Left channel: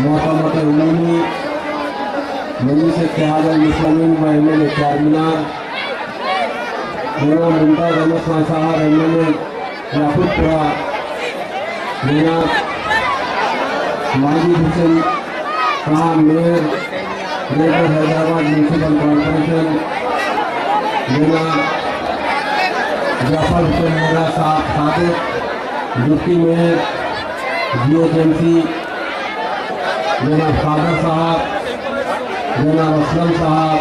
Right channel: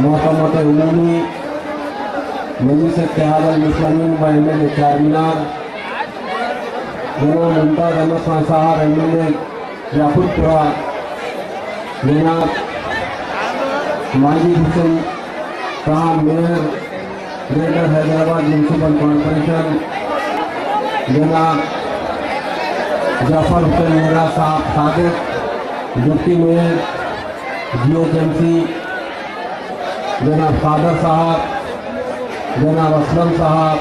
मोहतरमत उमूमी मजलिस इत्तेहाद अल-मुस्लिमीन व एमएलए चारमीनार जनाब मुमताज़ अहमद खान साहब एमएलए याकूबपुरा, जनाब माजिद हुसैन साहब mayor greater Hyderabad municipal corporation, जनाब जाफर हुसैन मेरा साहब सादिक डिप्टी मेयर GHMC, जनाब कादर साहब, जनाब असलम साहब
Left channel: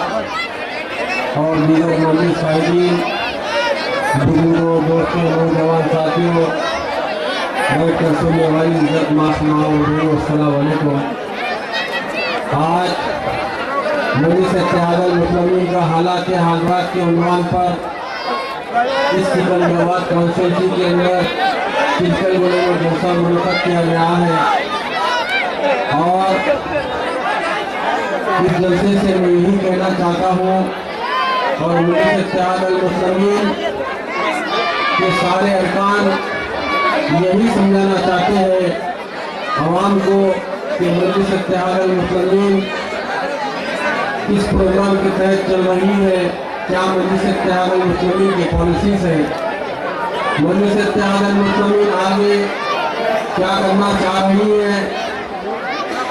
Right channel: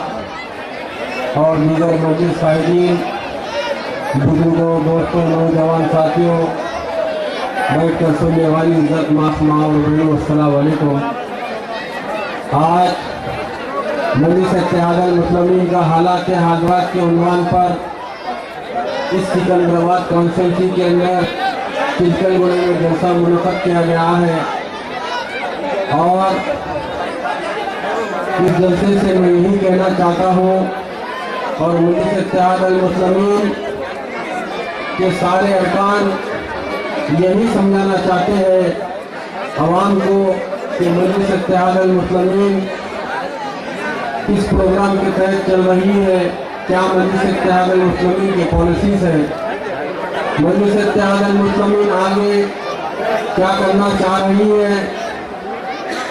और दीगर मौजूद साहिबीन, बुजुर्गों, दोस्तों, नौजवान साथियों, बैठ कर सुनने वाली इज्जत मासमाओं, अस्सलाम वालेकुम। आज मजलिस इत्तेहाद अल-मुस्लिमीन का हालात हाज़रात के उन्वान पर इस सिकंदराबाद कॉन्स्टिट्यूंसी के अंदर चिल्कलगुड़े में जलसा मुनक़्क़द किया गया है और इस जलसे से मैं यही कहना चाहता हूँ और मजलिस इत्तेहाद अल-मुस्लिमीन के सारे अरकान यही समझाना चाहते हैं आवाम को कि मजलिस इत्तेहाद अल-मुस्लिमीन किस प्रोग्राम के तहत चल रही है, क्या मजलिस इत्तेहाद अल-मुस्लिमीन की पॉलिसीज है, मजलिस इत्तेहाद अल-मुस्लिमीन आगे क्या करना चाह रही है।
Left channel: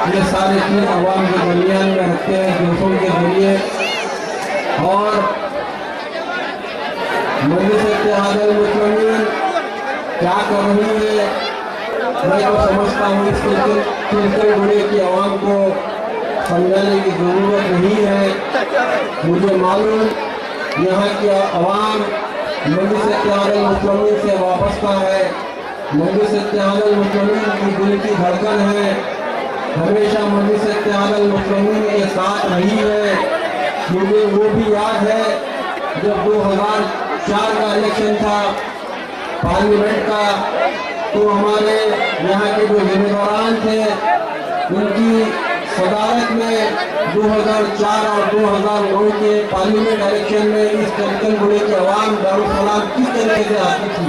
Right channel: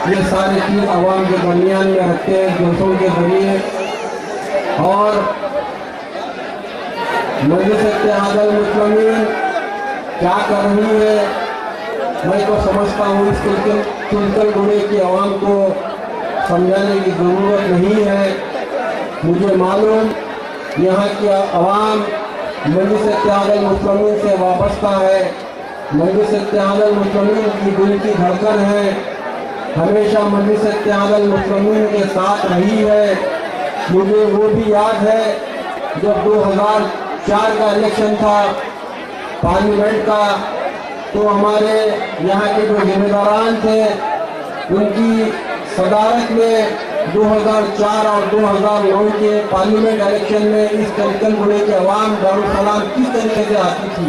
ये सारी चीज़ आवाम के दरमियान में रखते हैं जोशों के जरिए और मजलिस इत्तेहाद अल-मुस्लिमीन क्या कर रही है। मैं तो समझता हूँ इस चिल्कलगुड़े की आवाम को समझाने की ज़रूरत नहीं है। मुझे मालूम यहाँ की आवाम मजलिस इत्तेहाद अल-मुस्लिमीन से वाबस्ता है, मजलिस इत्तेहाद अल-मुस्लिमीन की दिल की धड़कन है, हमेशा मजलिस इत्तेहाद अल-मुस्लिमीन के साथ रही है। मुझे वो भी याद है जब 2004 का इलेक्शन था पार्लियामेंट का, तो हमारे यहाँ के जो जिम्मेदारान थे उनकी सदारत में 2004 और 2009 के पार्लियामेंट इलेक्शन में इस चिल्कलगुड़े के अवाम दारुसलाम किस तरीके से आती थी,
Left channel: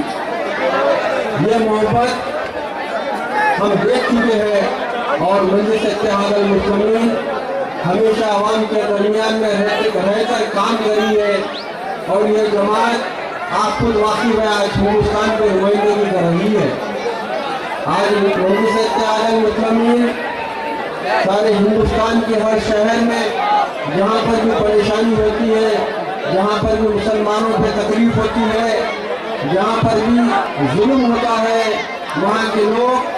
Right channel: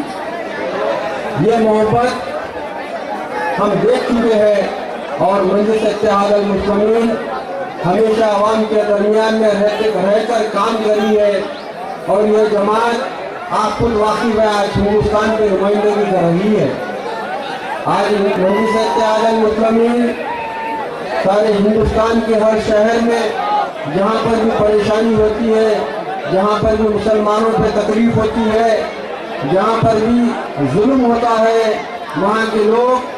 ये मोहब्बत हम देख चुके हैं और मजलिस इत्तेहाद अल-मुस्लिमीन हमेशा अवाम के दरमियान में रहकर काम करी है और ये जमात आप खुद वाकिफ है आज हिंदुस्तान पे नुमाइंदगी कर रही है। आज मजलिस इत्तेहाद अल-मुस्लिमीन सारे हिंदुस्तान के हर शहर में जहाँ पर भी परेशानी होती है, जहाँ पर भी मुसलमानों पे तकलीफ होती है, जहाँ पर भी जुल्म होता है, वहाँ के लोग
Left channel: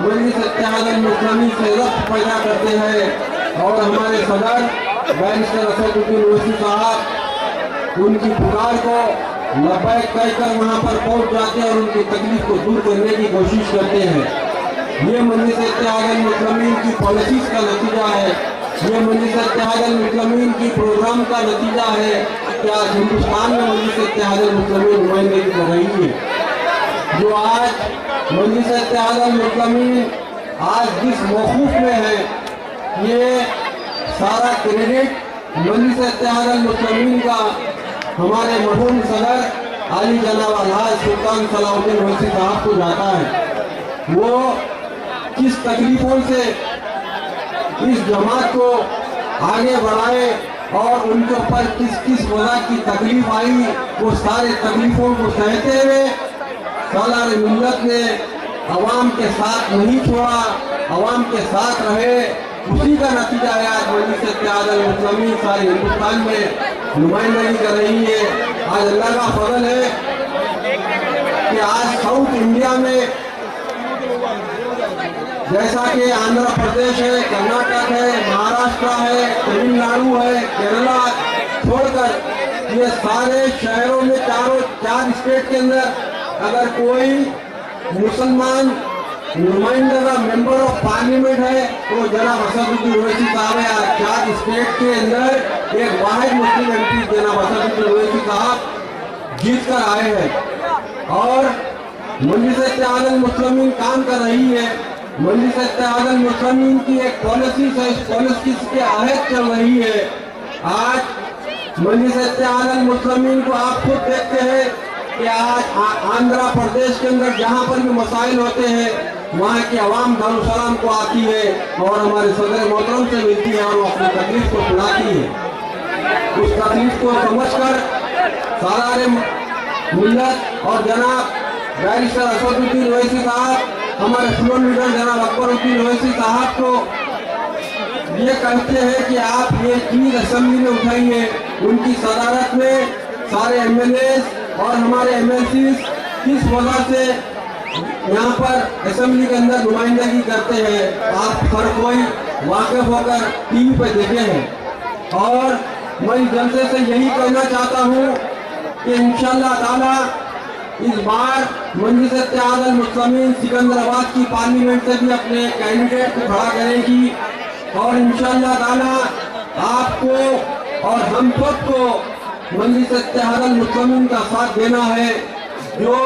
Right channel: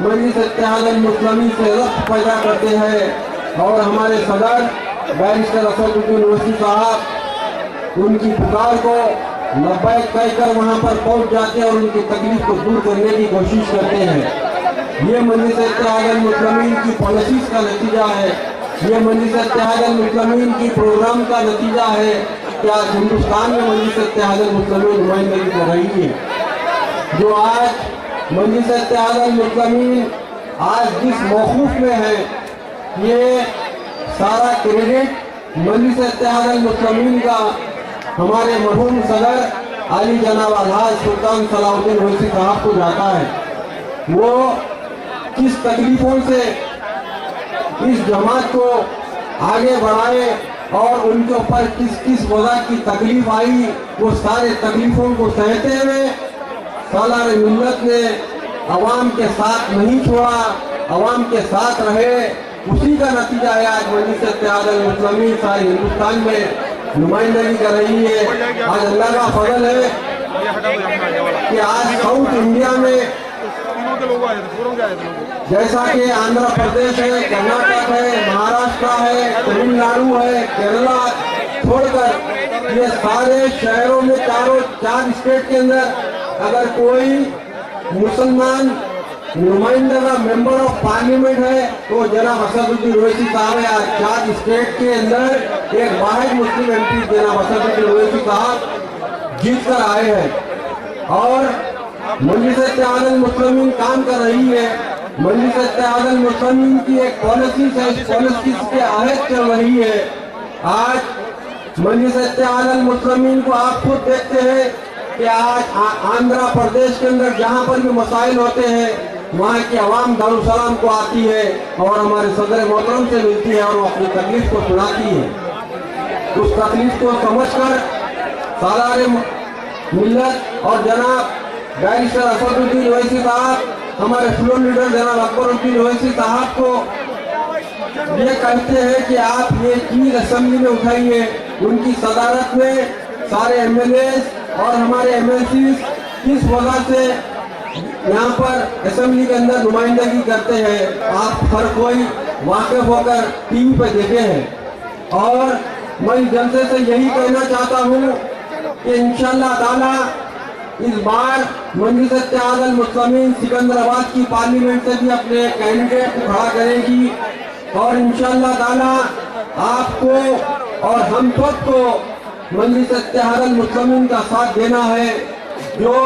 मजलिस इत्तेहाद अल-मुस्लिमीन से रब्त पैदा करते हैं और हमारे सदर बैरिस्टर असदुद्दीन ओवैसी साहब उनकी पुकार को लब्बैक कहकर वहाँ पर पहुँच जाते हैं और उनकी तकलीफ को दूर करने की कोशिश करते हैं। ये मजलिस इत्तेहाद अल-मुस्लिमीन की पॉलिसीज का नतीजा है, ये मजलिस इत्तेहाद अल-मुस्लिमीन की प्रोग्राम का नतीजा है कि आज हिंदुस्तान में मजलिस इत्तेहाद अल-मुस्लिमीन नुमाइंदगी कर रही है। जो आज मजलिस इत्तेहाद अल-मुस्लिमीन आज जिस मौक़ूफ़ में है, ये सारा क्रेडिट मजलिस इत्तेहाद अल-मुस्लिमीन का हमारे मरहूम सदर आली जनाब अलहाज सुल्तान सलाहुद्दीन ओवैसी साहब को जाता है। वो किस तकलीफों से इस जमात को आगे बढ़ाए और उनके ऊपर किस किस वजह की तकलीफ आई, वो सारे तकलीफों को सहते हुए सालार मिल्लत ने अवाम के साथ नहीं छोड़ा, अवाम के साथ रहे। उसी का नतीजा है आज मजलिस इत्तेहाद अल-मुस्लिमीन सारे हिंदुस्तान में नुमाइंदगी कर रही है। आज अल्लाह का फजल है कि आज साउथ इंडिया में जैसा कि आंध्र प्रदेश है, कर्नाटक है, महाराष्ट्र है, तमिलनाडु है, केरला छोड़कर ये सारे शहरों में चार स्टेट के अंदर अगर कोई मुसलमान नुमाइंदा मेंबर ऑफ पार्लियामेंट है तो जनाब असदुद्दीन ओवैसी साहब है। 4 स्टेट के अंदर एक वाहिद मुस्लिम MP जनाब असदुद्दीन ओवैसी साहब जीत कर आए हैं और मजलिस इत्तेहाद अल-मुस्लिमीन काम कर रही है। मजलिस इत्तेहाद अल-मुस्लिमीन की एक पॉलिसी है, इस पॉलिसी के आहत चल रही है। आज मजलिस इत्तेहाद अल-मुस्लिमीन को आप खुद देखते हैं कि आज आंध्र प्रदेश के अंदर जहाँ पर भी मसाइल होते हैं वहाँ की आवाम दारुसलाम को आती है और हमारे सदर मोहतरम से मिलती है और वो अपनी तकलीफ को सुनाती है। उस तकलीफ को समझकर सालारे मिल्लत और जनाब बैरिस्टर असदुद्दीन ओवैसी साहब, हमारे फ्लोर लीडर जनाब अकबरुद्दीन ओवैसी साहब को ये कहते हैं कि आप ये चीज असेंबली में उठाइए। उनकी सदारत में सारे एमएलए और हमारे एमएलसी किस वजह से यहाँ पर असेंबली के अंदर नुमाइंदगी करते हैं, आप हर कोई वाकिफ होकर टीवी पर देखे हैं। और मैं जनता से यही कहना चाहता हूँ कि इंशाअल्लाह ताला इस बार मजलिस इत्तेहाद अल मुस्लिमीन सिकंदराबाद की पार्लियामेंट से भी अपने कैंडिडेट को खड़ा करेगी और इंशाअल्लाह ताला आपको और हम सबको मजलिस इत्तेहाद अल मुस्लिमीन का साथ देना है। जो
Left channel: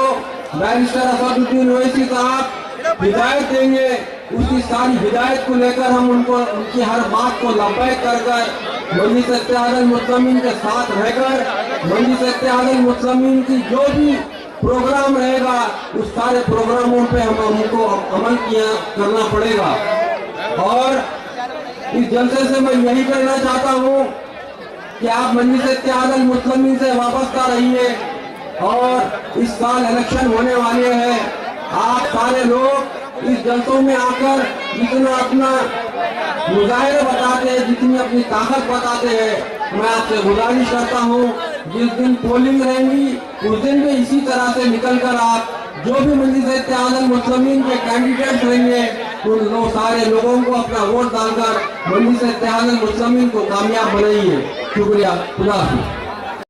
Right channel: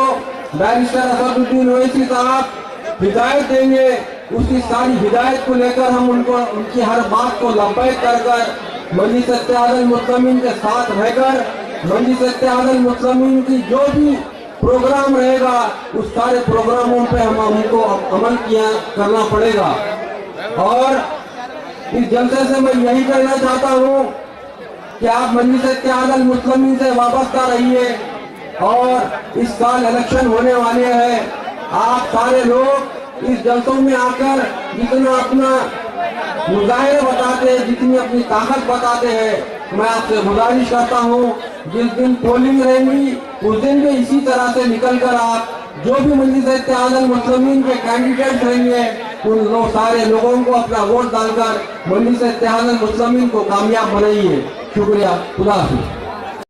बैरिस्टर असदुद्दीन ओवैसी साहब हिदायत देंगे, उसकी सारी हिदायत को लेकर हम उनकी हर बात को लब्बैक कर मजलिस इत्तेहाद अल मुस्लिमीन के साथ रहकर मजलिस इत्तेहाद अल मुस्लिमीन की जो भी प्रोग्राम रहेगा उस सारे प्रोग्रामों पे हमको अमल करना पड़ेगा। और इस जलसे से मैं यही कहना चाहता हूँ कि आप मजलिस इत्तेहाद अल मुस्लिमीन से वाबस्ता रहिए और इस साल इलेक्शन होने वाले हैं। आप सारे लोग इस जलसों में आकर जितना अपना मुजाहिरा बताते हैं, जितनी अपनी ताकत बताते हैं, मैं आपसे गुजारिश करता हूँ जिस दिन पोलिंग रहेंगी उस दिन भी इसी तरह से निकलकर आप जो भी मजलिस इत्तेहाद अल मुस्लिमीन के कैंडिडेट रहेंगे उन सारे लोगों को अपना वोट डालकर मजलिस इत्तेहाद अल मुस्लिमीन को कामयाब बनाइए। शुक्रिया, खुदा हाफिज़।